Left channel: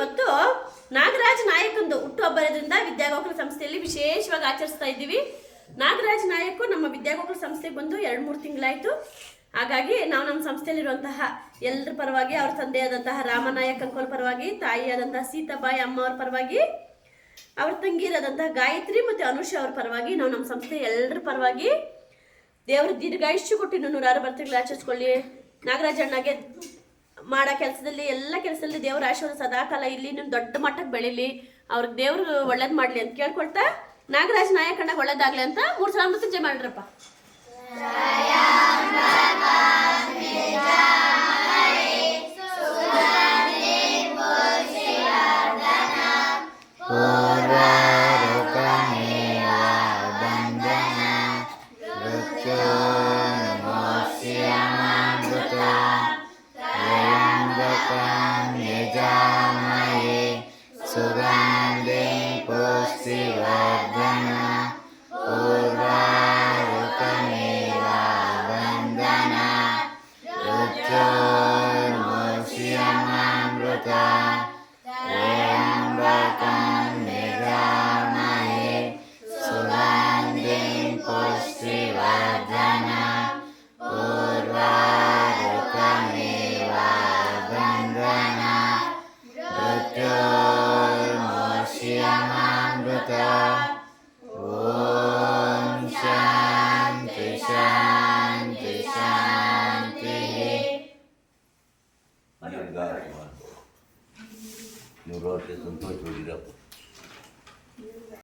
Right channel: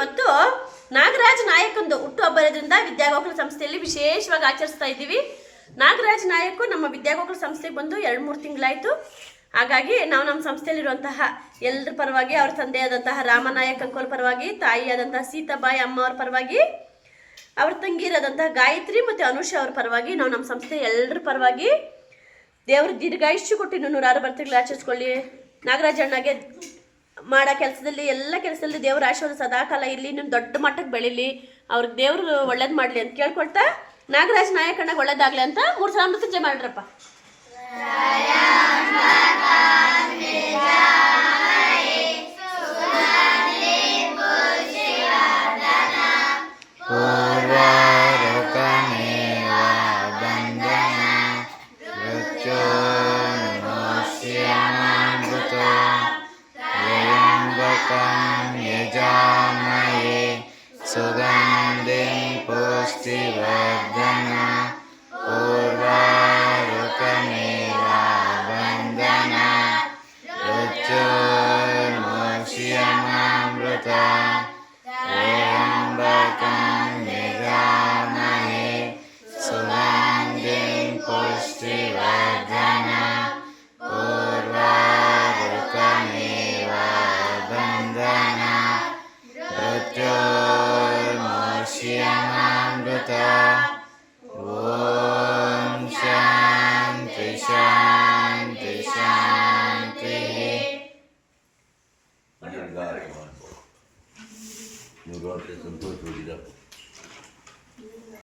ಇವತ್ತು ನಾಗರಾಜ್ ನಾಯಕಂದು ಹುಟ್ಟುಹಬ್ಬ ಇರೋದ್ರಿಂದ ವಿದ್ಯಾಗೋಕುಲ ಸಂಸ್ಥೆಯಲ್ಲಿ ವಿಶೇಷವಾಗಿ ಆಚರಿಸ್ತಾ ಇದ್ದೀವಿ. ನಾಗರಾಜ್ ನಾಯಕ್ ನಮ್ಮ ವಿದ್ಯಾಗೋಕುಲ ಸಂಸ್ಥೆಗೆ ಬಂದು 2-3 ತಿಂಗಳಾಯಿತು. ಹಾಗಾಗಿ ನಾವು ನಮ್ಮ ಸಂಸ್ಥೆಯಲ್ಲಿರುವಂತಹ ಎಲ್ಲರ ಪರವಾಗಿ, ಅವ್ರ ತಂದೆಯಾದಂತಹ ರಾಮನಾಯಕ್ ಅಂಕೋಲ್ ಪರವಾಗಿ, ತಾಯಿಯಾದಂತಹ ಸೀತಾಬಾಯಿ ಅಮ್ಮ ಅವ್ರ ಪರವಾಗಿ, ಅವ್ರ ತಂಗಿರಾದಂತಹ ಗಾಯತ್ರಿ ಮತ್ತು ಅನುಷಾ ಅವ್ರ ಪರವಾಗಿ, ನಾವು ನಮ್ಮ ಸಂಸ್ಥೆ ಎಲ್ಲರ ಪರವಾಗಿ ದೇವ್ರ ದೀರ್ಘಾಯುಷ್ಯ ಕೊಟ್ಟು 106 ಬರ್ತಿಗಳು ಆಚರಿಸ್ಕೊಳ್ಳಿ. ನಾಗರಾಜ್ ಅಣ್ಣಗೆ ಮಾಡೋ ಕೆಲಸದಲ್ಲಿ ಎಲ್ಲ ಕೆಲಸದಲ್ಲಿ ದೇವ್ರ ಆಶೀರ್ವಾದ ಸದಾಕಾಲ ಇರಲಿ, ಇನ್ನೊಂದು ದೊಡ್ಡ ಮಟ್ಟಕ್ಕೆ ಬೆಳೀಲಿ, ಅವ್ರಿಗೆ ದೇವ್ರು ಒಳ್ಳೇದು ಮಾಡಲಿ ಅಂತ ಕೇಳ್ಕೊಳ್ತಾ ನಾಗರಾಜ್ ನಾಯಕಣ್ಣಗೆ ಒಳ್ಳೇದಾಗಲಿ ಅಂತ 3 ಸಲ ಮೃತ್ಯುಂಜಯ ಮಾಡ್ರಪ್ಪ. यजामहे सुगन्धिं पुष्टिवर्धन उर्वारुकमेव वन्दना रुचोर्मुष्यमामृता त्र्यम्बकं यजामहे सुगन्धिं पुष्टिवर्धन उर्वारुकमेव वन्दना मृत्योर्मुष्यमामृता. ॐ शान्ति शान्ति शान्तिः. नूराटे संतोष